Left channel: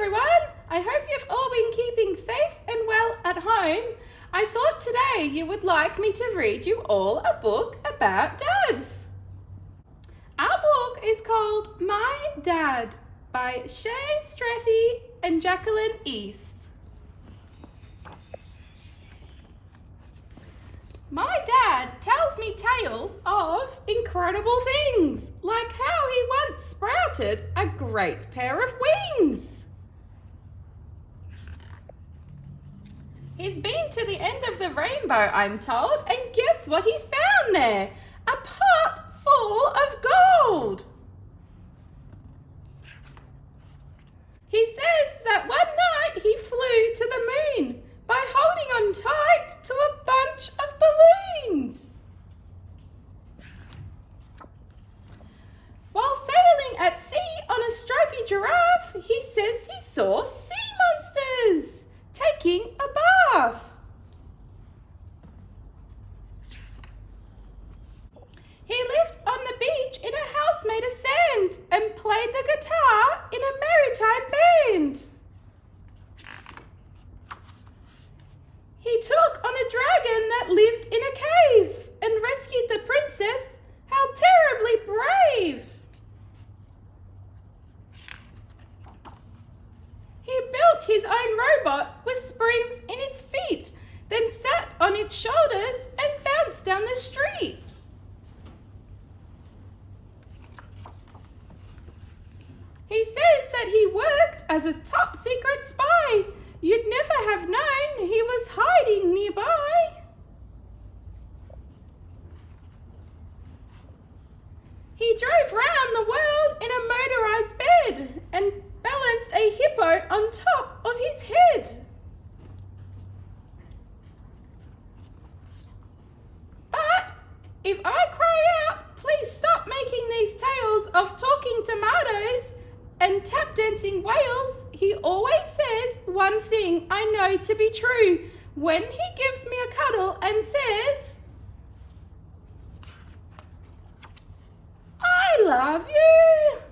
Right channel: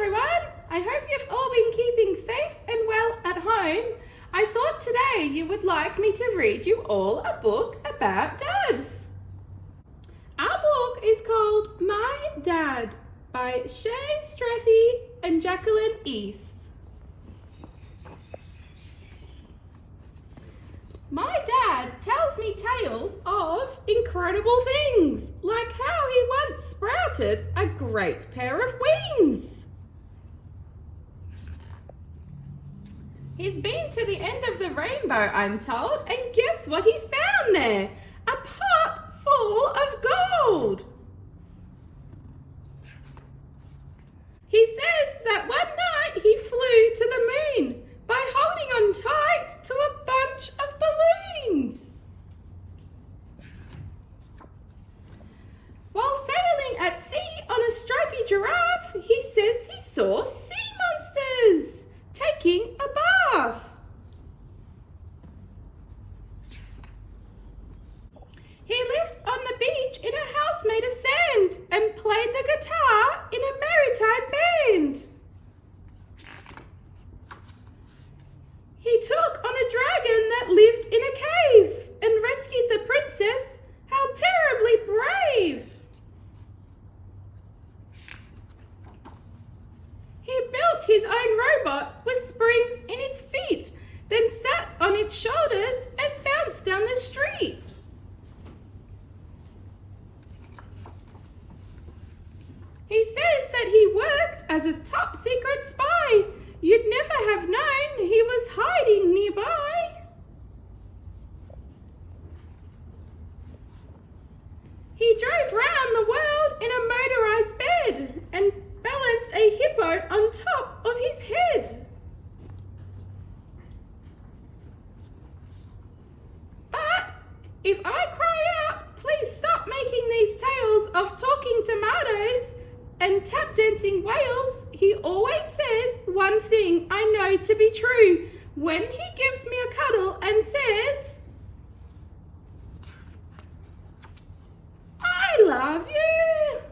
everyone! I hope you've all been keeping safe and well at home. I thought today you would like me to read you all a book about dads. Our book is called My Dad by Chae, Strathie and Jacqueline East. My dad tells me tales of incredible things, like how he once sprouted a great pair of wings. He's been to the end of the rainbow, I'm told, and guess what he found there? A pot full of gold. He says that one night he flew to the moon by holding on tight to a bunch of balloons. While sailing at sea on a stripy giraffe, he says he saw sea monsters taking a bath. He lived on the beach in a house made of sand and played the guitar in a maritime band. He took on a dragon that lived in a cave and rescued the princess. How terribly brave! He built his own robot with springs in its feet, then sat on its shoulders and bounced down the street. He says that he worked as a top secret spy. You'd never have known he was hiding nearby. He drove round the world in a motorized bed and balanced a hippo on top of his head. But if I cry out, please stop making these tales of talking tomatoes and tap dancing whales, he always says one thing I know to be true when he gives me a cuddle and says, I love you.